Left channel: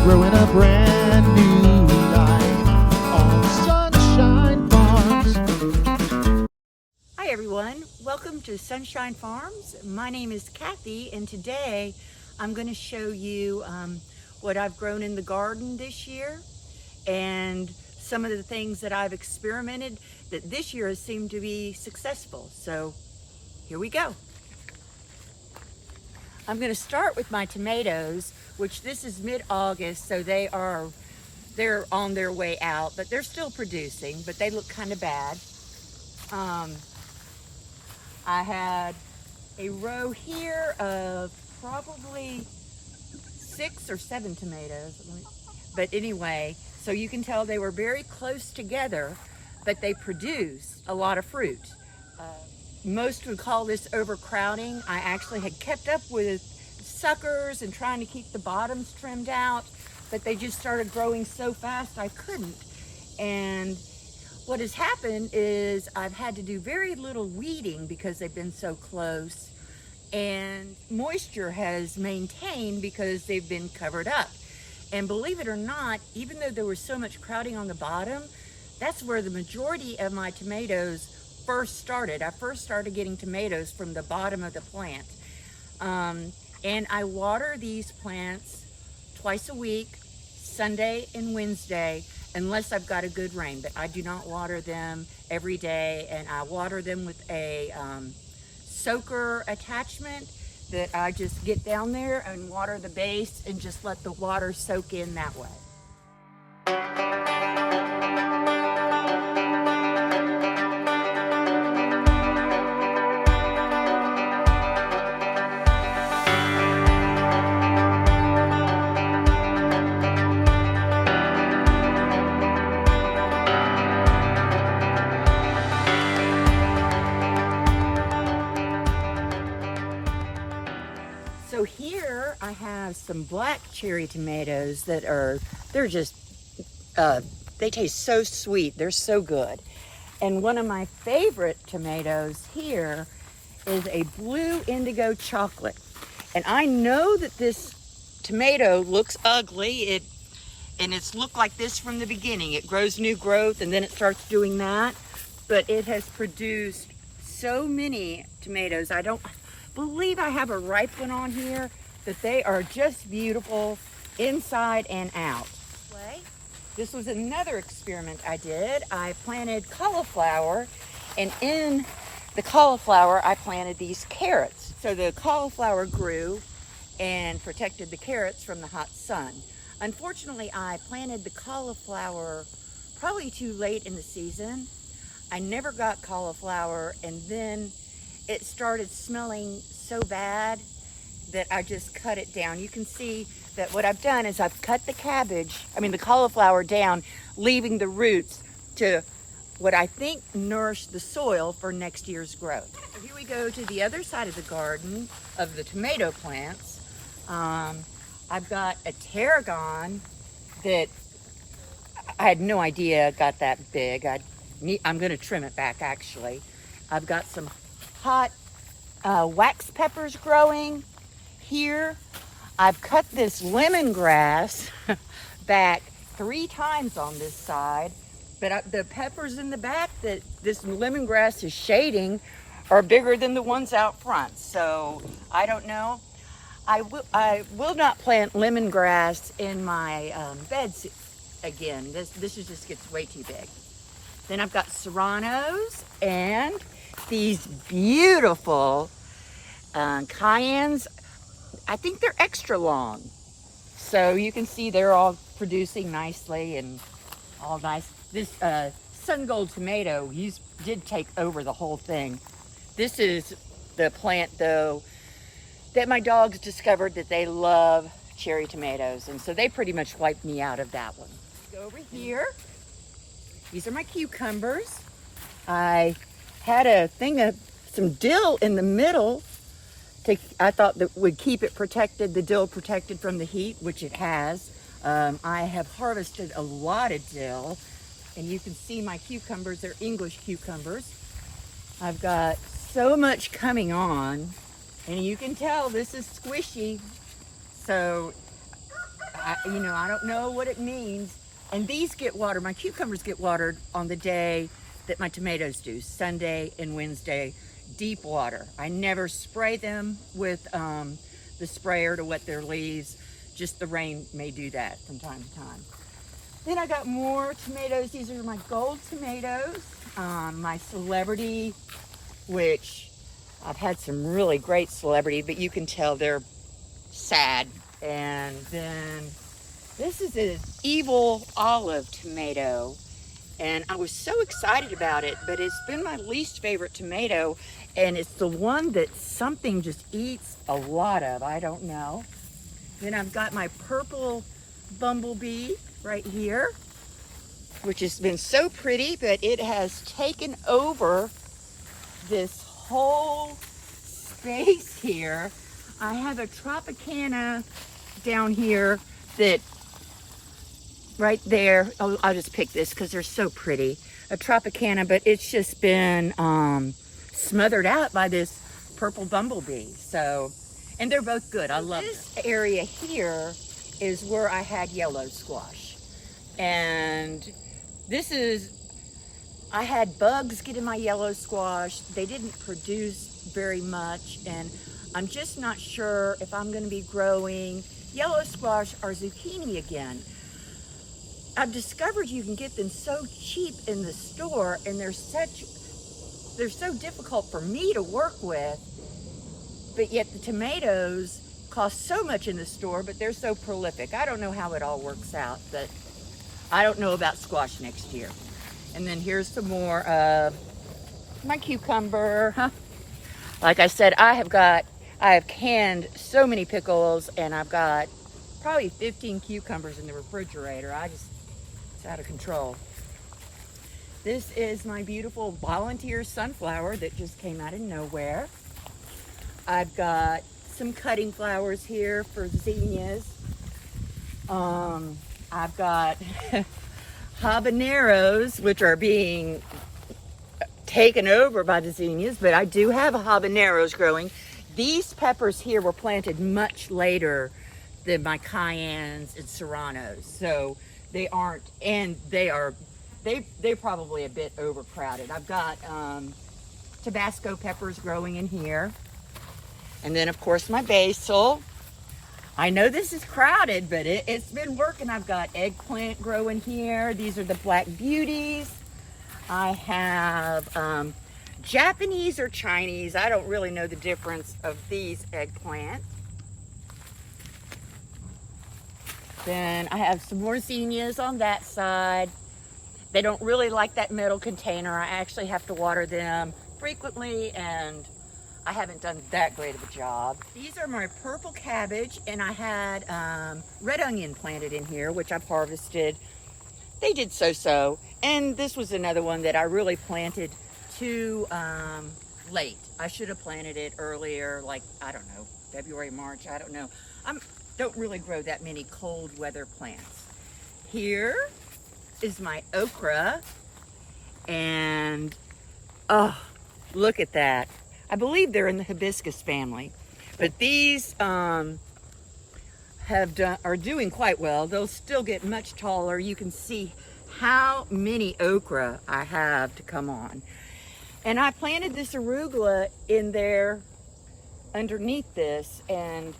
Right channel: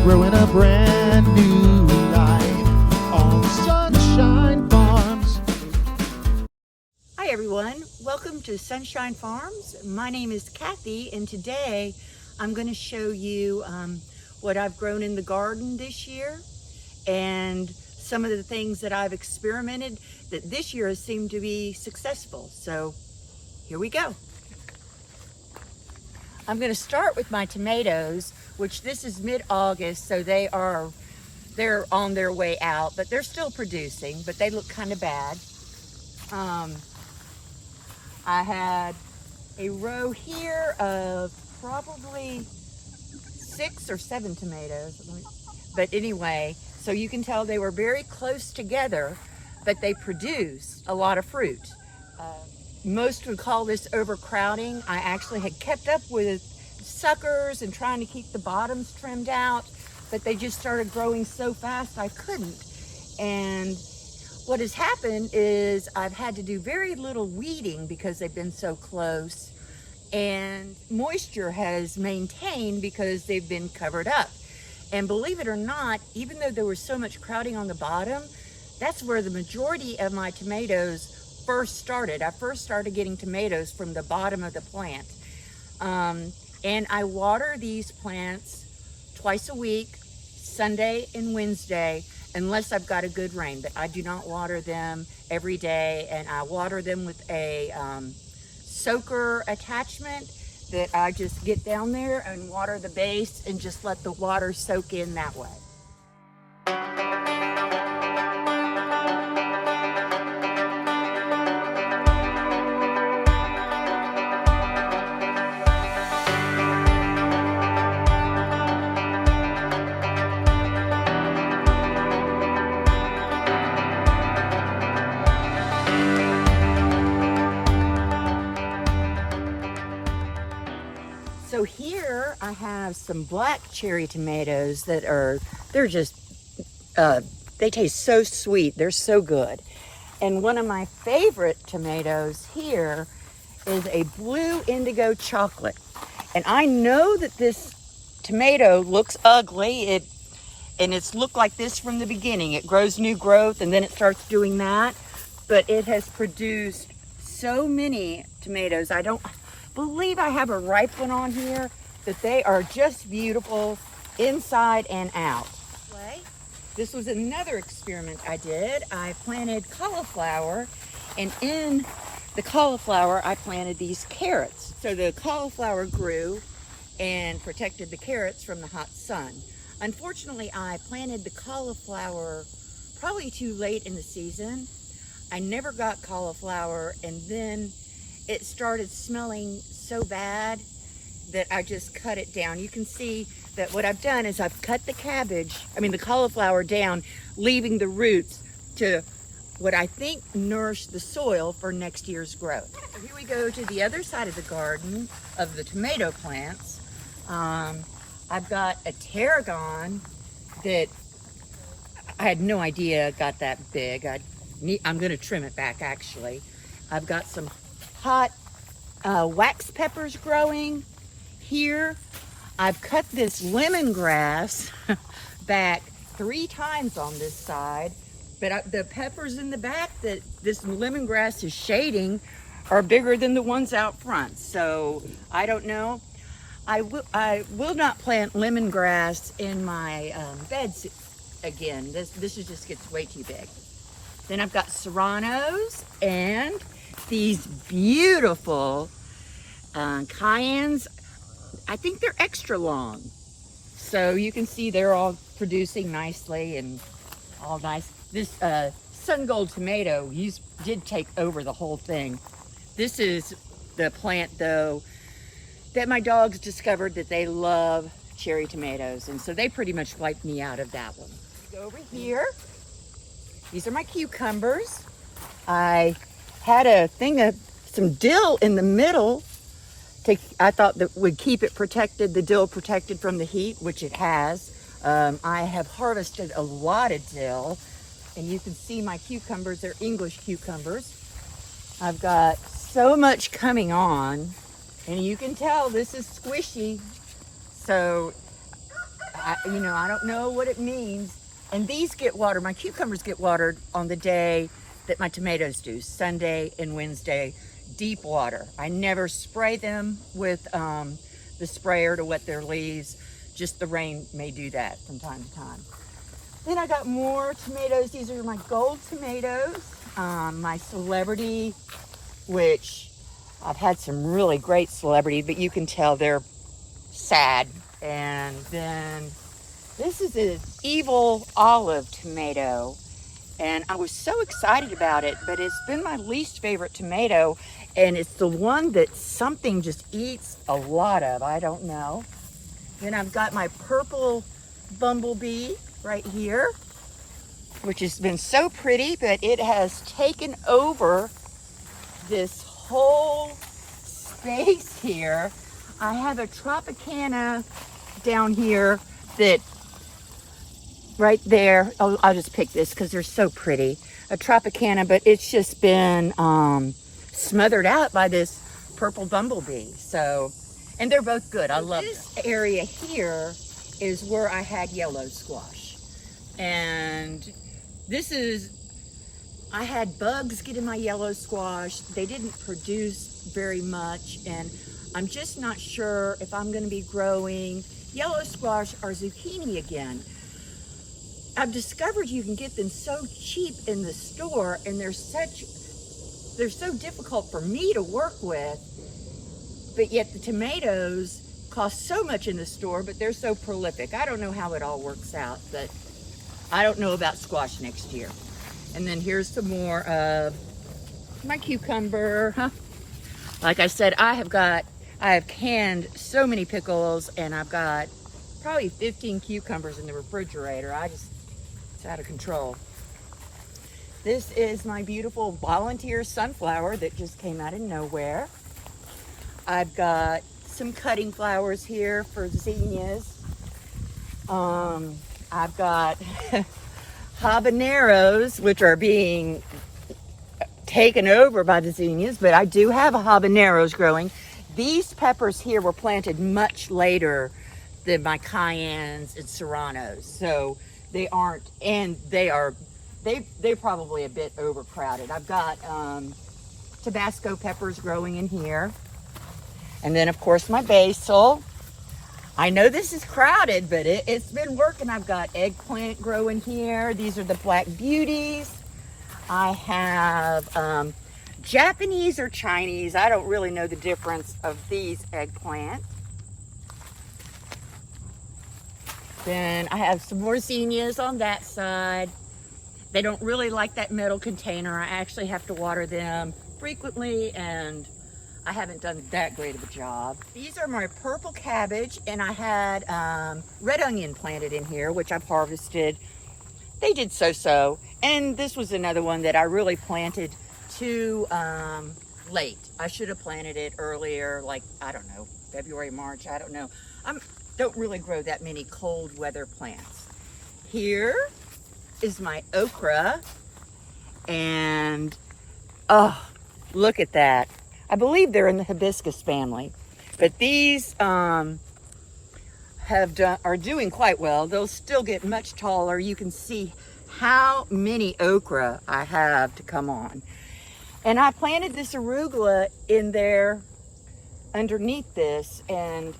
We're growing a brand new life on Sunshine Farms. Hi everyone, welcome to Sunshine Farms. My name is Cathy, and today I'm going to show you what I've grown in the garden this year and some of the things that I've experimented that this year has seemed to be successful. So here we go. I'm going to start with my tomatoes, which this is mid-August, so they're on their way out, but they're still producing, but they look kind of bad. I had a row here of probably 6 or 7 tomatoes, but anyway, so you can tell they were very close together, but they produced a lot of fruit. Most would call this overcrowding. I actually had kept up with suckers and trying to keep the bottoms trimmed out, but they just started growing so fast I couldn't. And what has happened is I've had to do very little weeding because they've been so close, and moisture has maintained because they've been covered up. And believe it or not, even though there was so much crowding on the bottom, that's where the majority of my tomatoes first started. I first started getting tomatoes from the bottom of the plant. And I water these plants twice a week, Sunday and Wednesday, unless I've got a good rain, but I do not water them every day. And I water them with a soaker attachment that I just get down there and water the base and just let the water soak in that way. So here I have some black cherry tomatoes that they're just, they taste so sweet. They're so good. And one of my favorite tomatoes here is a blue indigo chocolate. And I know that this tomato looks ugly. It's looked like this from the beginning. It grows new growth and then it starts doing that. But it has produced so many tomatoes. I don't believe I have a ripe one on here, that they are just beautiful inside and out. This was another experiment I did. I planted cauliflower, and in the cauliflower I planted these carrots. So the cauliflower grew and protected the carrots from the hot sun. Unfortunately, I planted the cauliflower probably too late in the season. I never got cauliflower, and then it started smelling so bad that I just cut it down. You can see that what I've done is I've cut the cauliflower down, leaving the roots to what I think nourish the soil for next year's growth. So here we go to the other side of the garden of the tomato plants. I've got a tarragon that I had no idea got that big. I'm gonna trim it back actually. I've got some hot wax peppers growing here. I've cut this lemongrass back 3 times on this side, but the peppers in the back that this lemongrass is shading are bigger than the ones out front. So I don't know. I will not plant lemongrass in my beds again. This just gets way too big. Then I've got serranos and these beautiful cayennes. I think they're extra long. So you can see they're all producing nicely and all nice. This sun gold tomato did take over the whole thing. This is the plant though that my dogs discovered that they love cherry tomatoes, and so they pretty much wiped me out of that one. Go over here. These are my cucumbers. I had a thing of some dill in the middle. I thought that would keep it protected, the dill protected from the heat, which it has. I have harvested a lot of dill, and you can see my cucumbers. They're English cucumbers. I've got so much coming on, and you can tell this is squishy. So I don't know what it means. And these get watered, my cucumbers get watered on the day that my tomatoes do, Sunday and Wednesday, deep water. I never spray them with the sprayer to wet their leaves. Just the rain may do that from time to time. Then I got more tomatoes. These are my gold tomatoes, my celebrity, which I've had some really great celebrity, but you can tell they're sad. And then this is an evil olive tomato, and I was so excited about it, but it's been my least favorite tomato, and it's the one that something just eats a lot of. I don't know. Then I've got my purple bumblebee right here, which has been so pretty, but it has taken over this whole space here. I have a Tropicana down here that right there, I'll just pick this because they're so pretty. A Tropicana, but it's just been smothered out by this purple bumblebee. So, and they're both good. I love this area here is where I had yellow squash. And this is, I had bugs get in my yellow squash. They didn't produce very much, and I'm just not sure if I'm going to be growing yellow squash or zucchini again. I've discovered you can get them so cheap in the store, and they're so difficult for me to work with, but yet the tomatoes cost so much in the store, but they're so prolific. I don't know how it all works out, but I don't know about squash next year. And then here's some more of my cucumber. Like I said, I have canned so many pickles, and I've got probably 15 cucumbers in the refrigerator. It's out of control. This is my beautiful volunteer sunflower that just came out of nowhere. I've got some cutting flowers here for zinnias. I've got habaneros, which are being taken over by the zinnias, but I do have habaneros growing. These peppers here were planted much later than my cayennes and serranos, so they aren't, and they're probably a bit overcrowded. I've got Tabasco peppers growing in here, and then of course my basil. I know this is crowded, but it's been working. I've got eggplant growing here. These are the black beauties. I have Japanese or Chinese. I don't really know the difference of these eggplant. Then I have some more zinnias on that side. They don't really like that metal container. I actually have to water them frequently, and I haven't done that great of a job. These are my purple cabbage, and I had red onion planted in here, which I've harvested. They did so-so. And this was another one that I really planted too late. I should have planted it earlier, like, I don't know, February, March, I don't know. I don't really grow that many cold weather plants. Here is my okra, and oh, look at that. I believe they're in the hibiscus family, but these are doing quite well. They'll still get much taller. You can see how many okra I have to come on. And I planted this arugula in there underneath this, and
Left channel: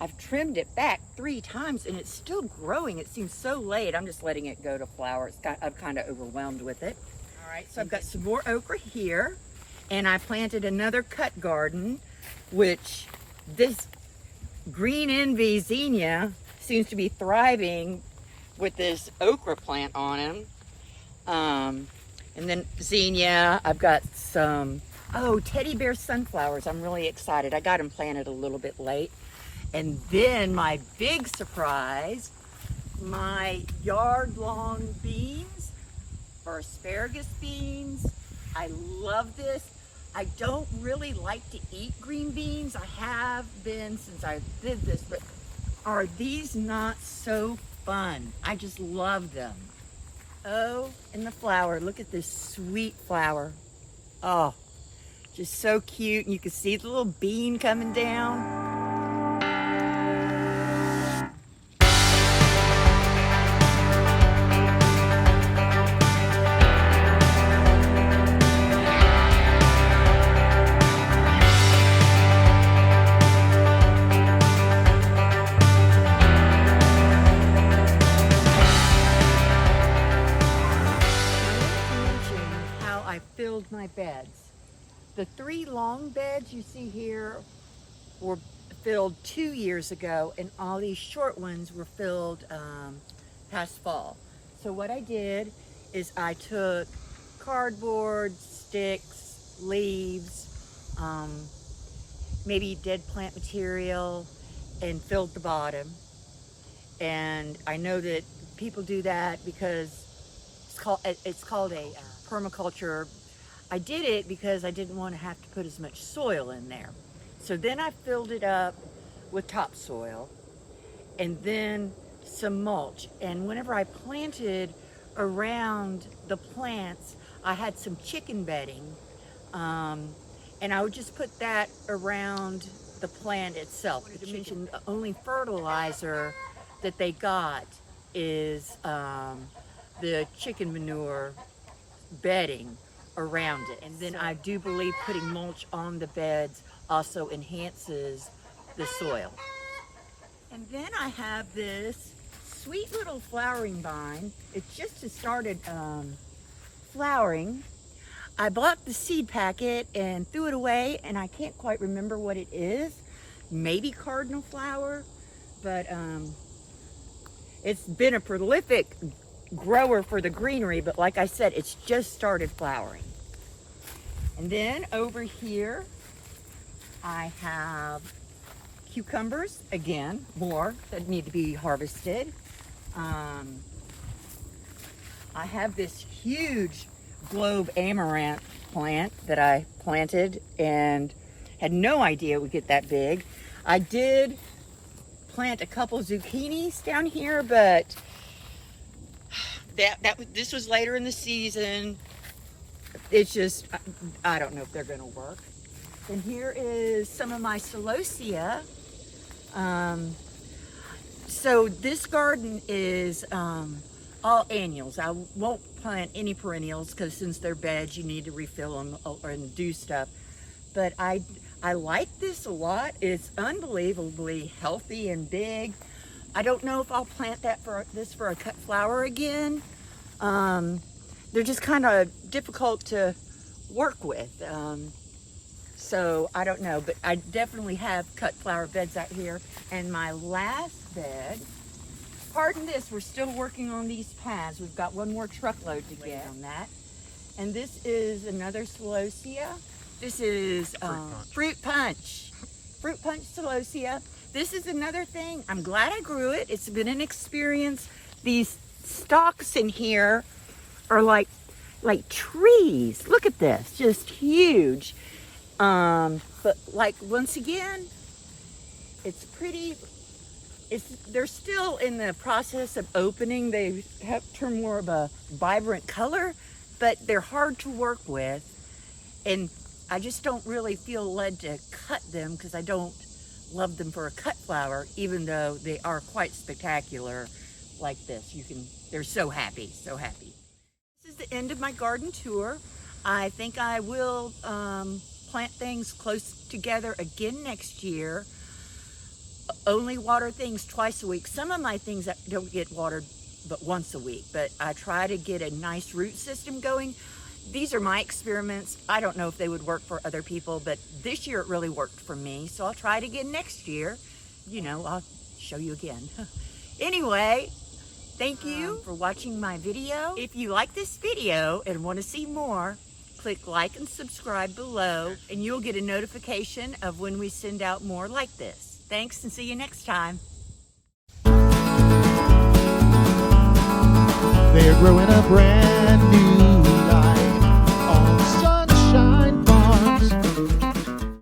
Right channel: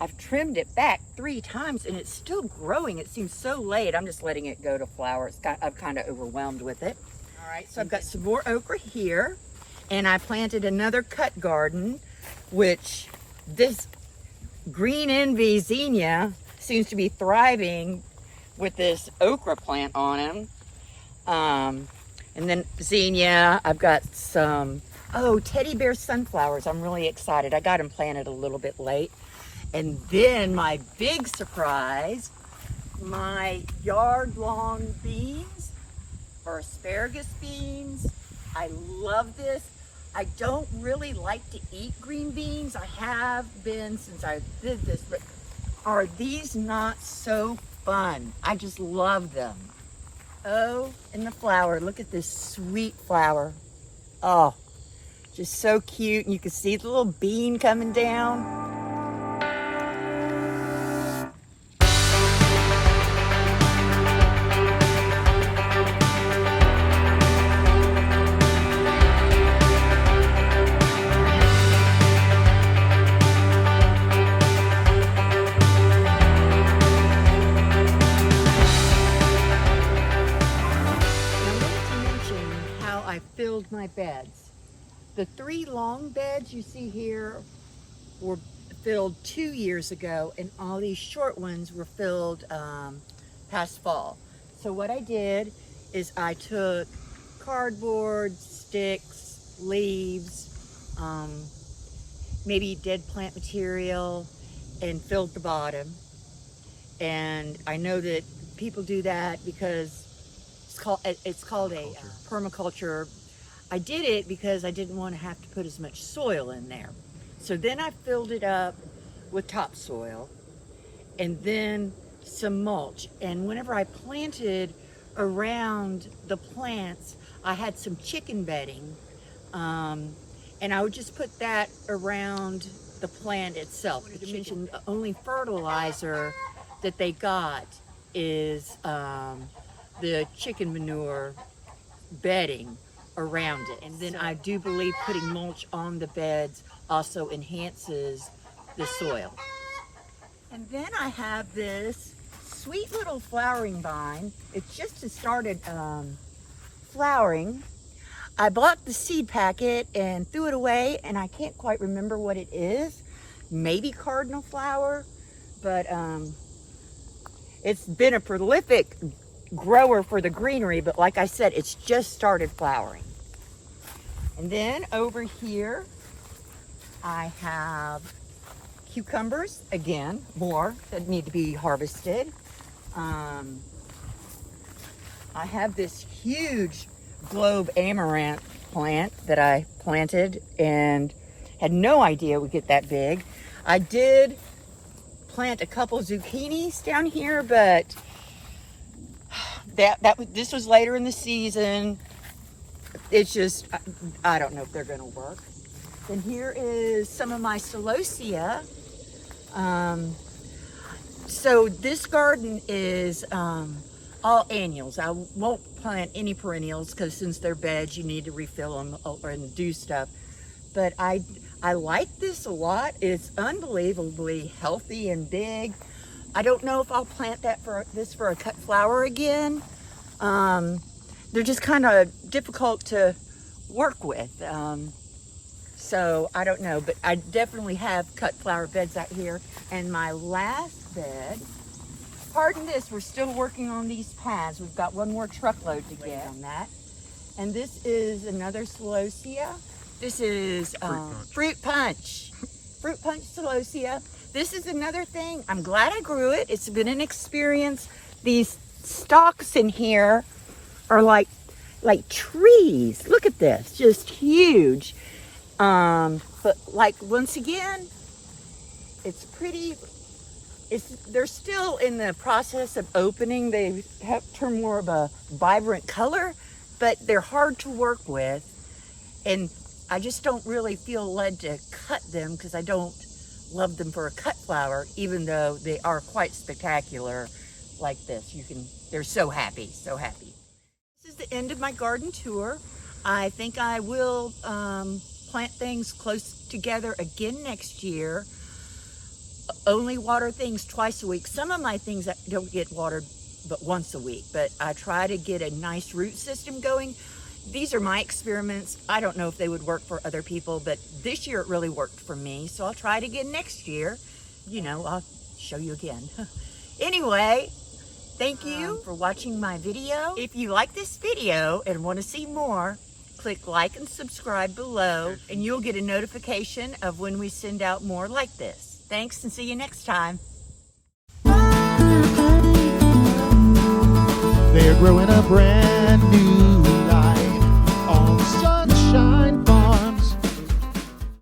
I've trimmed it back 3 times, and it's still growing. It seems so late. I'm just letting it go to flower. I'm kind of overwhelmed with it. All right, so I've got some more okra here, and I planted another cut garden, which this green envy zinnia seems to be thriving with this okra plant on him. And then zinnia, I've got some, teddy bear sunflowers. I'm really excited. I got them planted a little bit late. And then my big surprise, my yard-long beans or asparagus beans. I love this. I don't really like to eat green beans. I have been since I did this, but are these not so fun? I just love them. Oh, and the flower. Look at this sweet flower. Oh, just so cute. And you can see the little bean coming down. the 3 long beds you see here were filled 2 years ago, and all these short ones were filled past fall. So what I did is I took cardboard, sticks, leaves, maybe dead plant material, and filled the bottom. And I know that people do that because it's called a permaculture. I did it because I didn't want to have to put as much soil in there. So then I filled it up with topsoil and then some mulch. And whenever I planted around the plants, I had some chicken bedding, and I would just put that around the plant itself. The only fertilizer that they got is the chicken manure bedding around it. And then I do believe putting mulch on the beds also enhances the soil. And then I have this sweet little flowering vine. It just has started flowering. I bought the seed packet and threw it away, and I can't quite remember what it is. Maybe cardinal flower, but it's been a prolific grower for the greenery, but like I said, it's just started flowering. And then over here, I have cucumbers, again, more that need to be harvested. I have this huge globe amaranth plant that I planted and had no idea it would get that big. I did plant a couple zucchinis down here, but this was later in the season. It's just, I don't know if they're gonna work. And here is some of my celosia. So this garden is all annuals. I won't plant any perennials because since they're beds, you need to refill them and do stuff. But I like this a lot. It's unbelievably healthy and big. I don't know if I'll plant this for a cut flower again. They're just kind of difficult to work with. So I don't know, but I definitely have cut flower beds out here. And my last bed, pardon this, we're still working on these paths. We've got one more truckload to get on that. And this is another celosia. This is fruit punch celosia. This is another thing. I'm glad I grew it. It's been an experience. These stalks in here are like trees. Look at this, just huge. But like, once again, it's pretty, they're still in the process of opening. They have turned more of a vibrant color, but they're hard to work with. And I just don't really feel led to cut them because I don't love them for a cut flower, even though they are quite spectacular like this. They're so happy, so happy. This is the end of my garden tour. I think I will plant things close together again next year. Only water things twice a week. Some of my things don't get watered but once a week, but I try to get a nice root system going. These are my experiments. I don't know if they would work for other people, but this year it really worked for me. So I'll try it again next year. You know, I'll show you again. Anyway, thank you for watching my video. If you like this video and want to see more, click like and subscribe below, and you'll get a notification of when we send out more like this. Thanks, and see you next time. They're growing a brand new life on sun.